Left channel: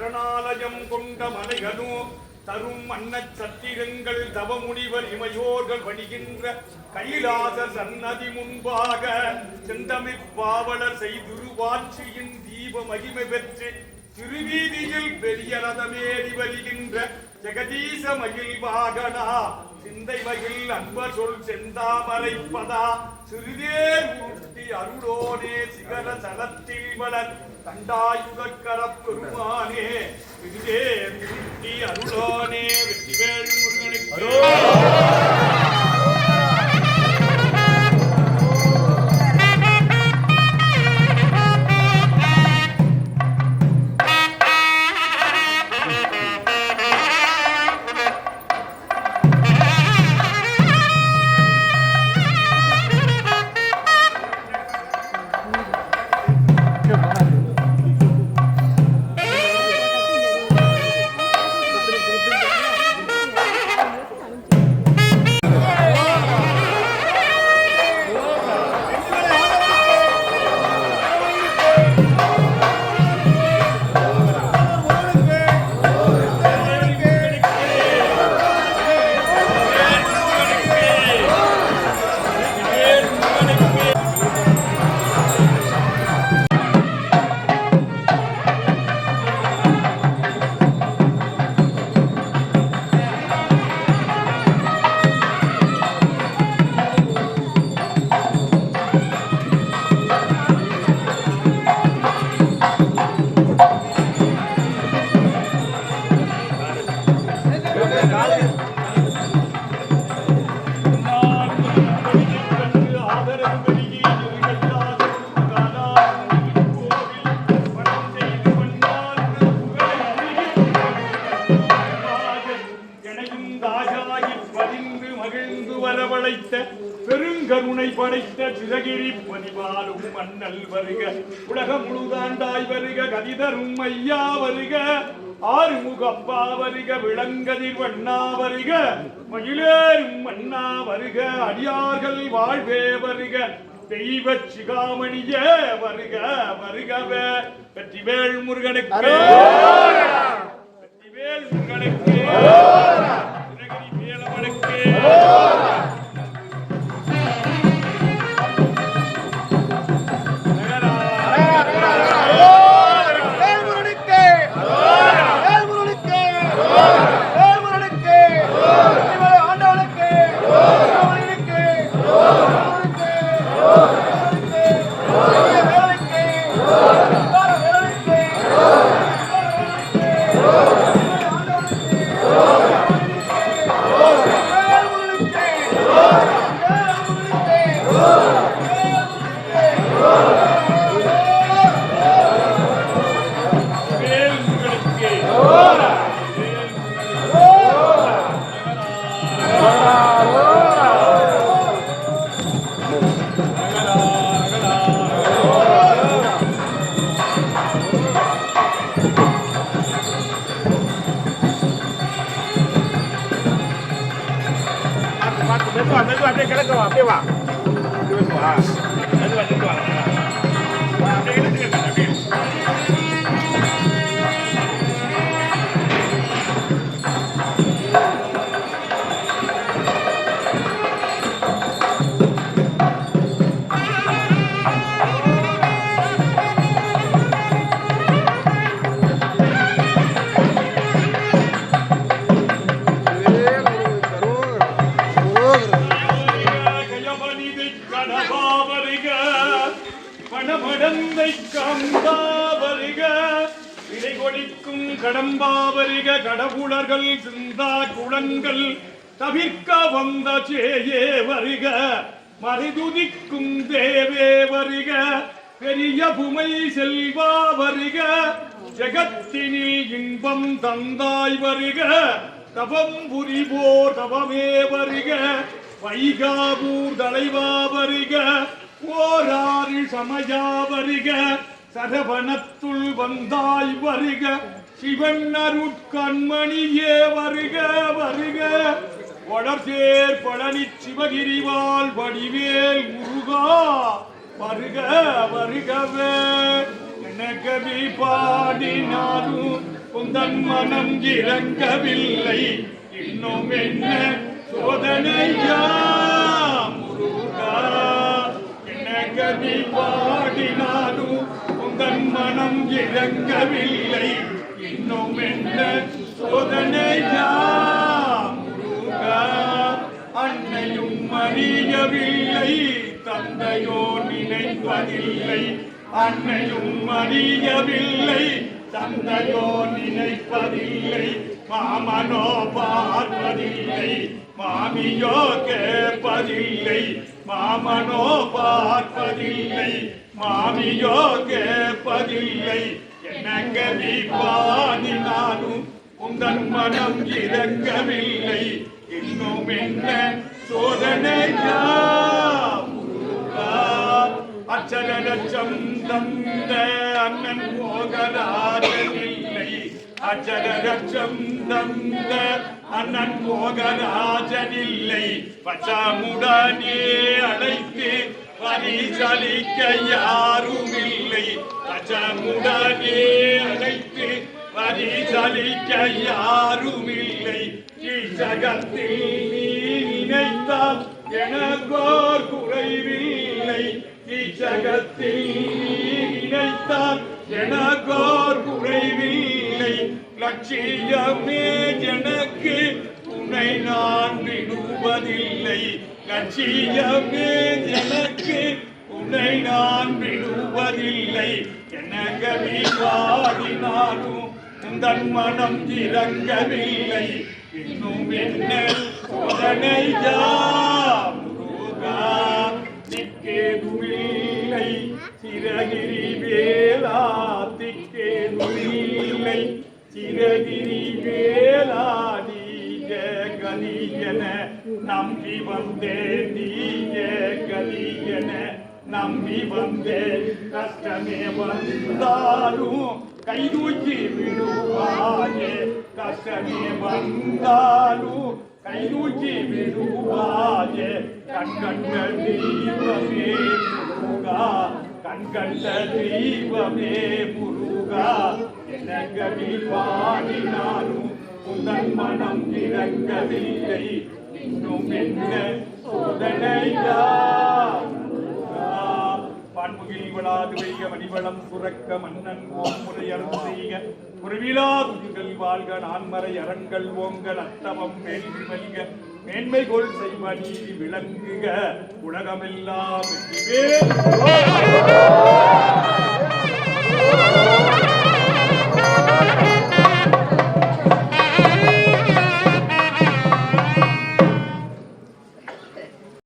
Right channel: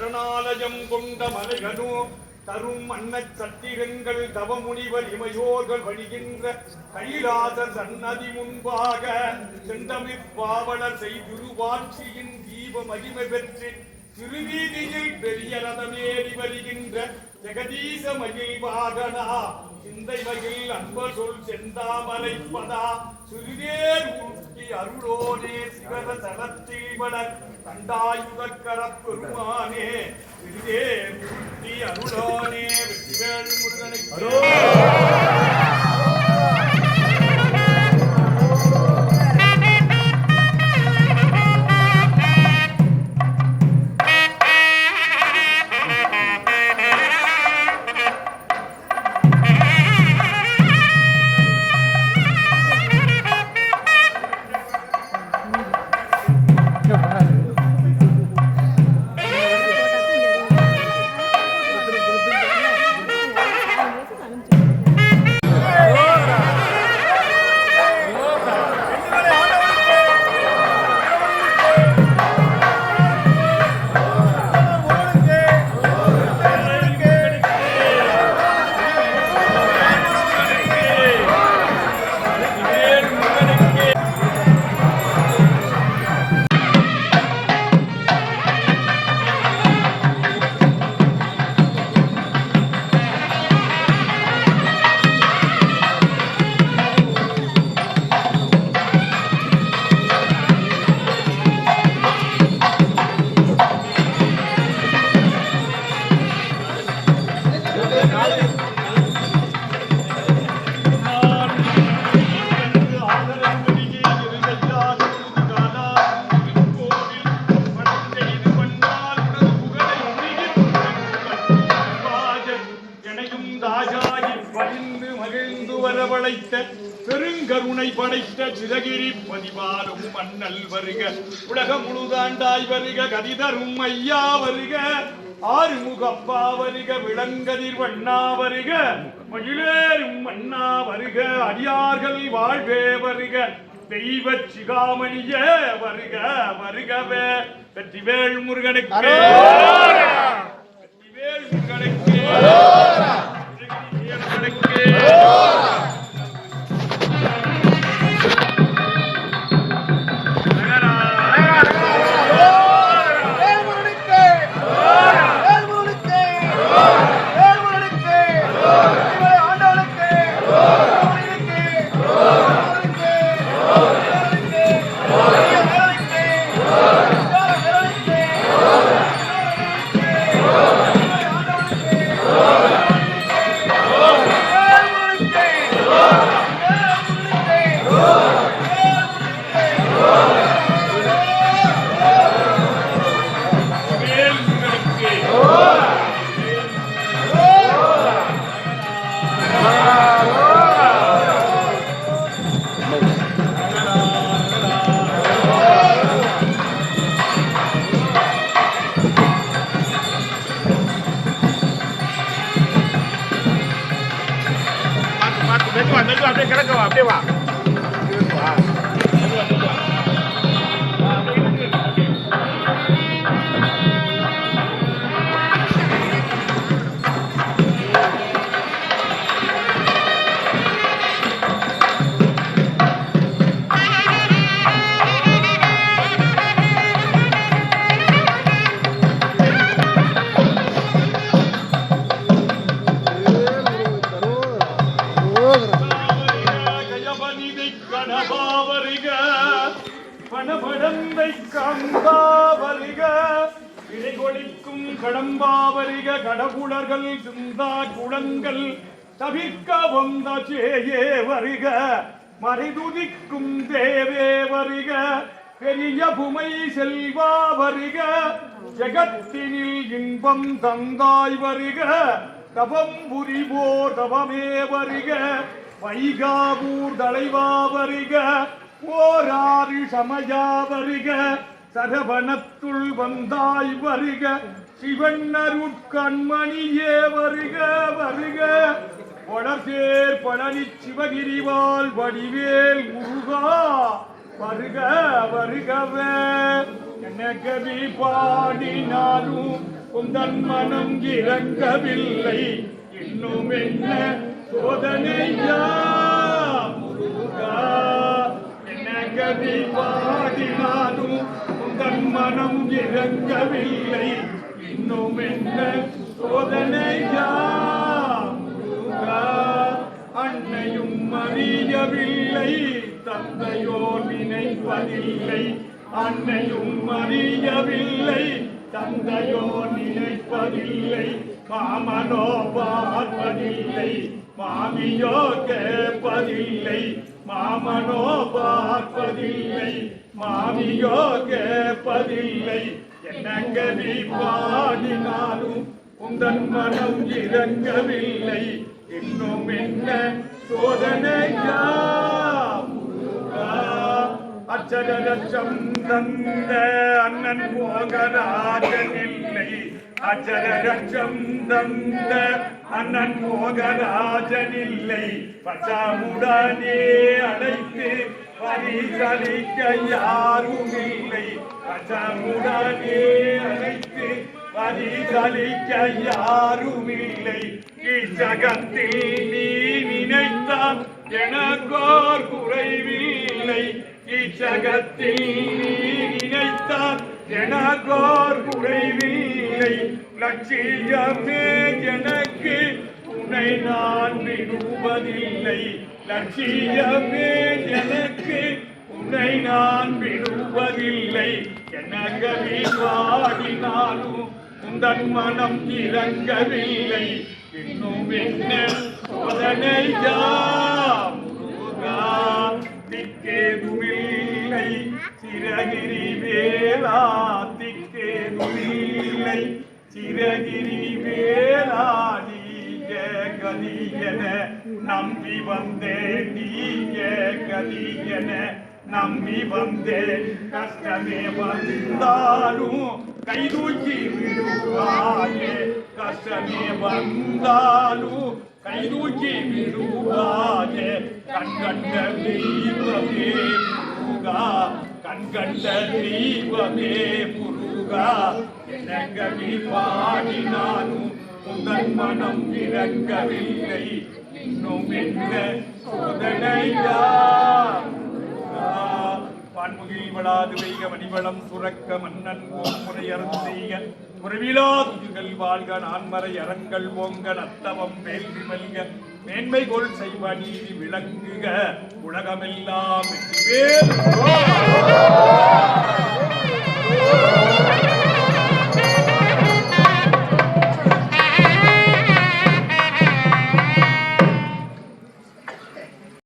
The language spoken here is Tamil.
சரணாலயம் கொண்ட மலைகளோ தரும் மன்னச் சத்திரங்கள் தவமுனிவர் இமையோர்கள் பணிகின்ற கைலாச சன்னதி முன்பாக செந்தமிழ்பாவலர் செய்துருவாட்சியின் தீப மகிமை பெற்று திருவீதியில் பெரிய ரதமேறி வருகின்ற ஜெகதீச மகிழ் வாகனா சிந்தை மகிழ் அன்பர் சொல் செந்தாமரைப்பதா சிறுதேர் உருட்டி அருளோனே சிகர தலத்தில் வளர் தண்டாயுதக்கர பெருமானே சிறுதேர் உருட்டி அருளோனே வெற்றிவேல் முருகனுக்கு பெருங்கருணை படைத்த சிதகிரி பதிவாலும் மன்னல் வருக உலக முழுதாண்டாய் வருக கதிதரும் ஐயா வருக ஆறுமுகப்பா வருக விளங்கதிர் வண்ணா வருக மகிழேறும் மன்னா வருக அடியார்கள் வாழ்வே வருக தெய்வ சிகாமணிய வருக வருகவே வெற்றிவேல் முருகனுக்கு வெற்றிவேல் முருகனுக்கு மெதுவா அப்படியே கிடக்கவா அப்படியே வா பணமடந்தை கம்பாவரிக இலை கொடிக்கும் கடம்பாவரிக கடவுளர்கள் சிந்தா குளங்கள் தவிர்க்க வந்த சேயே வருக மறைதுதிக்கும் தேவே வருக பெரிய புமை செல்வா வருக ஜெகத்தினில் இன்பம் தந்தாய் வருக தவம் புரிவோர் தவமே வருக வைகாபூர் தலைவா வருக ஓராறு சமயா வருக சரவணத்துள் வந்தாய் வருக சிவன் அருட்கண்மணியே வருக வருக வளர்சேர் பழனி சிவகிரிவால் வடிவேல் முருகா வருக வருகவே எனக்கு பாடினாலும் உந்தன் மனம் இறங்கவில்லை இன்னும் என்ன சோதனையா முருகா என்ன கதி பாடினாலும் உந்தன் மனம் இறங்கவில்லை இன்னும் என்ன சோதனையா முருகா அன்னையும் அறியவில்லை தந்தையோ நினைப்பதில்லை அன்னையும் அறியவில்லை தந்தையோ நினைப்பதில்லை மாமனோ பார்ப்பதில்லை மாமியோ கேட்பதில்லை மாமனோ பார்ப்பதில்லை மாமியோ கேட்பதில்லை எனக்கு நீ பாடினாலும் உந்தன் மனம் இறங்கவில்லை இன்னும் என்ன சோதனையா முருகா அச்சரச்சம் தந்த அண்ணன் போகராஜனில்லை அச்சரச்சம் தந்த அண்ணன் போகராஜனில்லை பச்சமுடனே அழைத்து பரிசளிக்க யாரும் இல்லை பச்சமுடனே அழைத்து பரிசளிக்க யாரும் இல்லை ஜகத்தில் நீ நினைத்தால் எனக்கோர் குறைவில்லை ஜகத்தில் நீ நினைத்தால் எனக்கோர் குறைவில்லை லட்சியமே எனக்கு உன்னை நான் விடுவதில்லை லட்சியமே எனக்கு உன்னை நான் விடுவதில்லை எனக்கு நீ பாடினாலும் உந்தன் மனம் இறங்கவில்லை இன்னும் என்ன சோதனையா முருகா திக்கேதுமில்லை சிறகிரி வேளா திக்கேதுமில்லை சிறகிரி வேளா நீய கதியன நம்பி வந்தேன் நீய கதியன நம்பி வந்தேன் கஷ்டமே வந்தாலும் கைதூக்கி விடுவாயே கஷ்டமே வந்தாலும் கைதூக்கி விடுவாயே கண்கண்ட தெய்வமே முருகா கண்கண்ட தெய்வமே முருகா எனக்கு நீ பாடினாலும் உந்தன் மனம் இறங்கவில்லை இன்னும் என்ன சோதனையா பான்முகில் வளாது வைக மணிவளம் சுரக்க மன்னன் ஓமுறையரசு செய்க முறைவிலா துதிகள் வாழ்க நான்மறை அறங்கள் ஓங்க நத்தவம் வேள்வி மல்க மேன்மை கொள் செய்வ நீதி விளங்குக உலகமெல்லாம் வெற்றிவேல்